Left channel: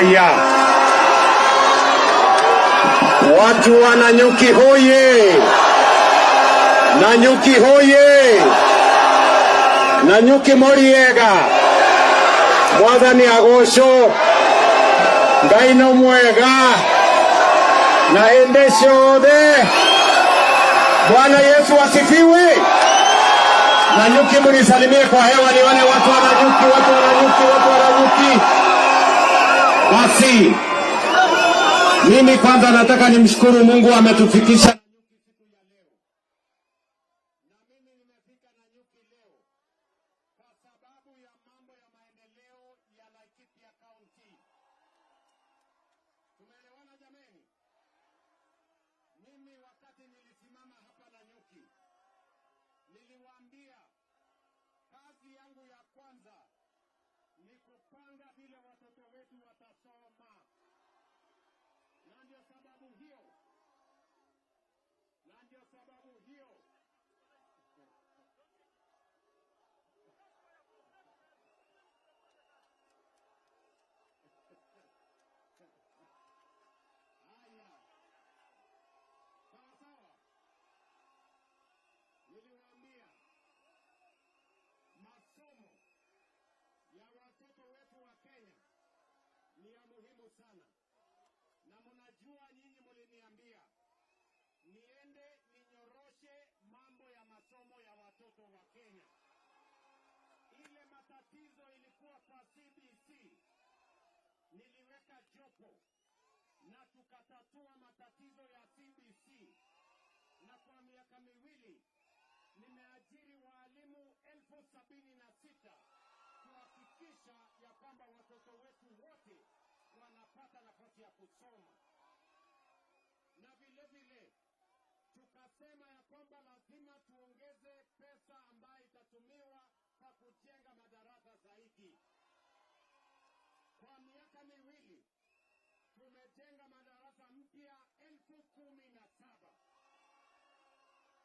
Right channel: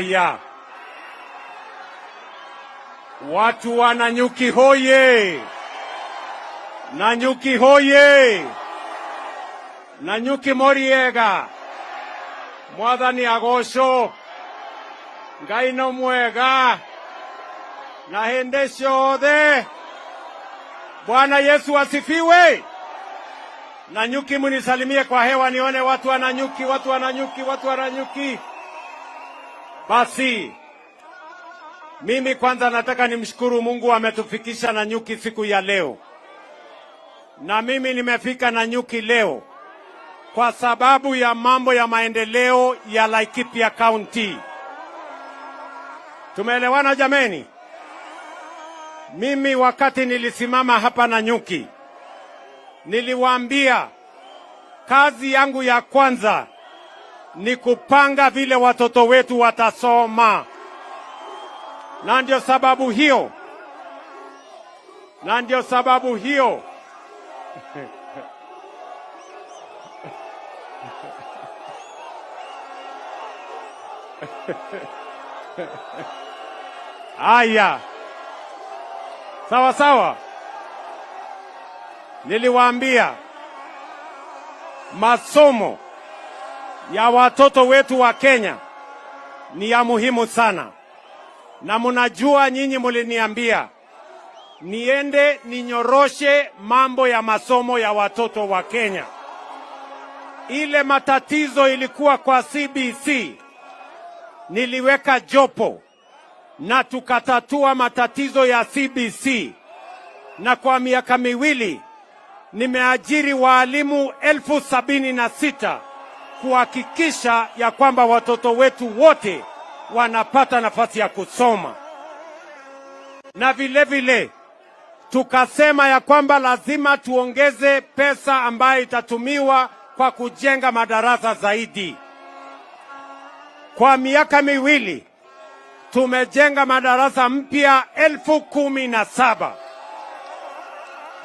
Haya, watu wa Nanyuki hoye! Nanyuki hoye! Nanyuki moriega! Mwathani agocwo, Ngai no mwega, na hĩndĩ ciothe. Bwana Yesu asifiwe. Nanyuki mnisalimie kwa hewa nione watu wa Nanyuki, watu wa Nanyuki, watu wa Nanyuki. Basi mimi kwanza nataka nimshukuru Mungu ametufikisha Nanyuki siku ya leo. Na mimi nimefika Nanyuki leo kwa sababu ya mambo ya maendeleo ya Laikipia County. Tumeelewana jameni? Mimi wakati nilisimama hapa Nanyuki, niliwaambia kazi yangu ya kwanza ni kupanga vile watoto wetu watasoma. Na ndio sababu hiyo Aya, sawa sawa. Niliwaambia masomo ya watoto wetu wa Kenya ni ya muhimu sana. Na mnajua nyinyi muliniambia niende ninyoroshe mambo ya masomo ya watoto wa Kenya. Ile matatizo ilikuwa kwa CBC, niliweka jopo na tukatatua matatizo ya CBC. Na kwa miaka miwili nimeajiri walimu 76,000 kuhakikisha ya kwamba watoto wetu wote wanapata nafasi ya kusoma. Na vile vile tukasema ya kwamba lazima tuongeze pesa ambayo itatumiwa kwa kujenga madarasa zaidi. Kwa miaka miwili tumejenga madarasa mpya 17,000.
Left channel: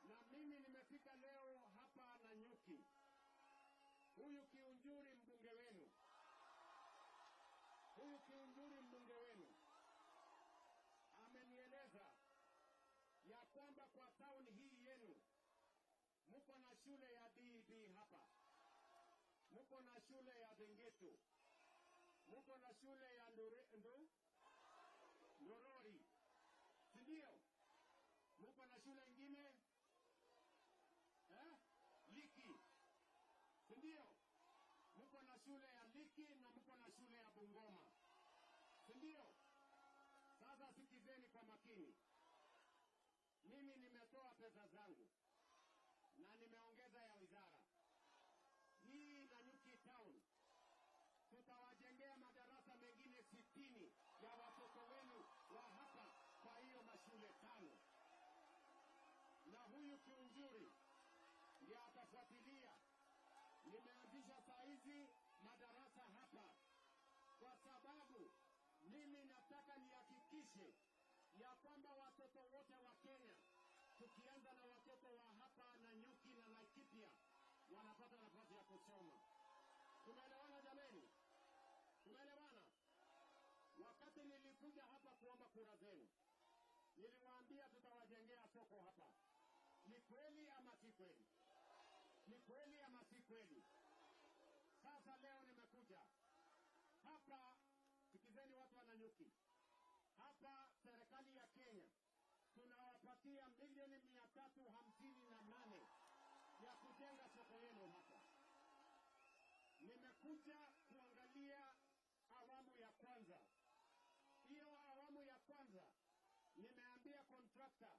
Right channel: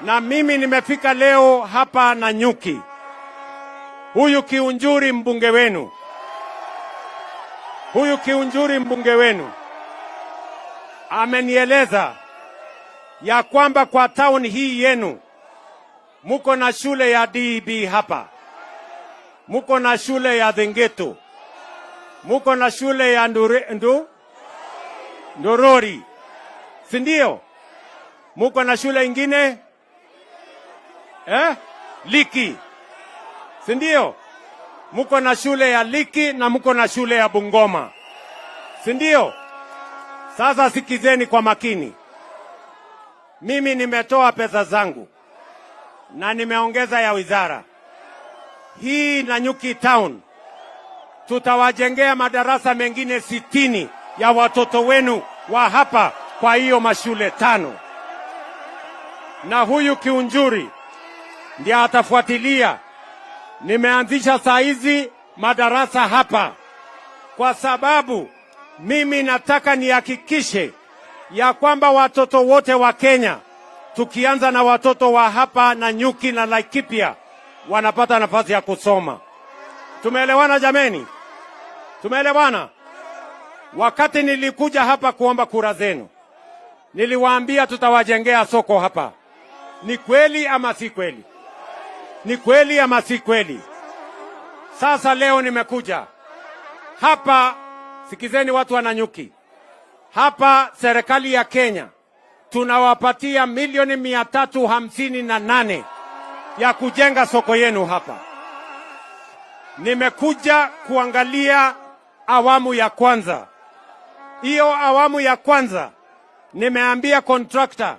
Na mimi nimefika leo hapa Nanyuki. Huyu Kiunjuri mbunge wenu amenieleza ya kwamba kwa town hii yenu muko na shule ya DEB hapa, muko na shule ya Dhengeto, muko na shule ya Ndorori, si ndio? Muko na shule ingine Liki, si ndio? Muko na shule ya Liki na muko na shule ya Bungoma, si ndio? Sasa sikizeni kwa makini. Mimi nimetoa pesa zangu na nimeongeza ya wizara hii. Nanyuki town tutawajengea madarasa mengine 60 ya watoto wenu wa hapa kwa hiyo mashule 5. Na huyu Kiunjuri ndiye atafuatilia. Nimeanzisha saa hizi madarasa hapa kwa sababu mimi nataka nihakikishe ya kwamba watoto wote wa Kenya, tukianza na watoto wa hapa Nanyuki na Laikipia, wanapata nafasi ya kusoma. Tumeelewana jameni? Tumeelewana? Wakati nilikuja hapa kuomba kura zenu, niliwaambia tutawajengea soko hapa. Ni kweli ama si kweli? Ni kweli ama si kweli? Sasa leo nimekuja hapa, sikizeni watu wa Nanyuki. Hapa serikali ya Kenya tunawapatia milioni 358 ya kujenga soko yenu hapa. Nimekuja kuangalia awamu ya kwanza. Hiyo awamu ya kwanza nimeambia contractor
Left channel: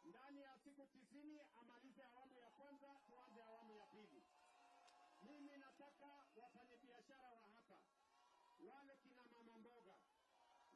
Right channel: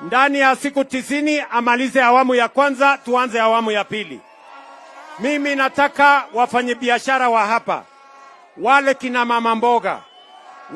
ndani ya siku 90 amalize awamu ya kwanza, tuanze awamu ya pili. Mimi nataka wafanyabiashara wa hapa, wale kina mama mboga,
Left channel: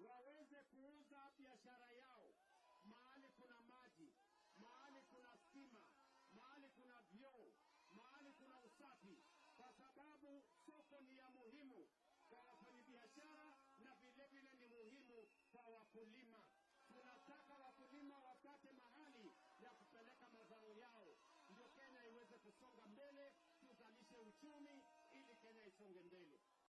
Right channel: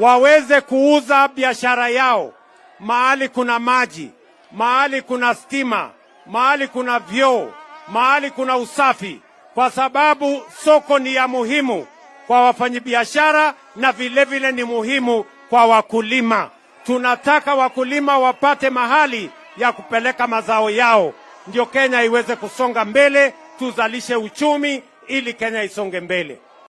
waweze kuuza biashara yao mahali kuna maji, mahali kuna stima, mahali kuna vyoo, mahali kuna usafi, kwa sababu soko ni ya muhimu kwa wafanyabiashara na vile vile ni muhimu kwa wakulima. Tunataka wakulima wapate mahali ya kupeleka mazao yao, ndio Kenya iweze kusonga mbele, tuzalishe uchumi ili Kenya isonge mbele.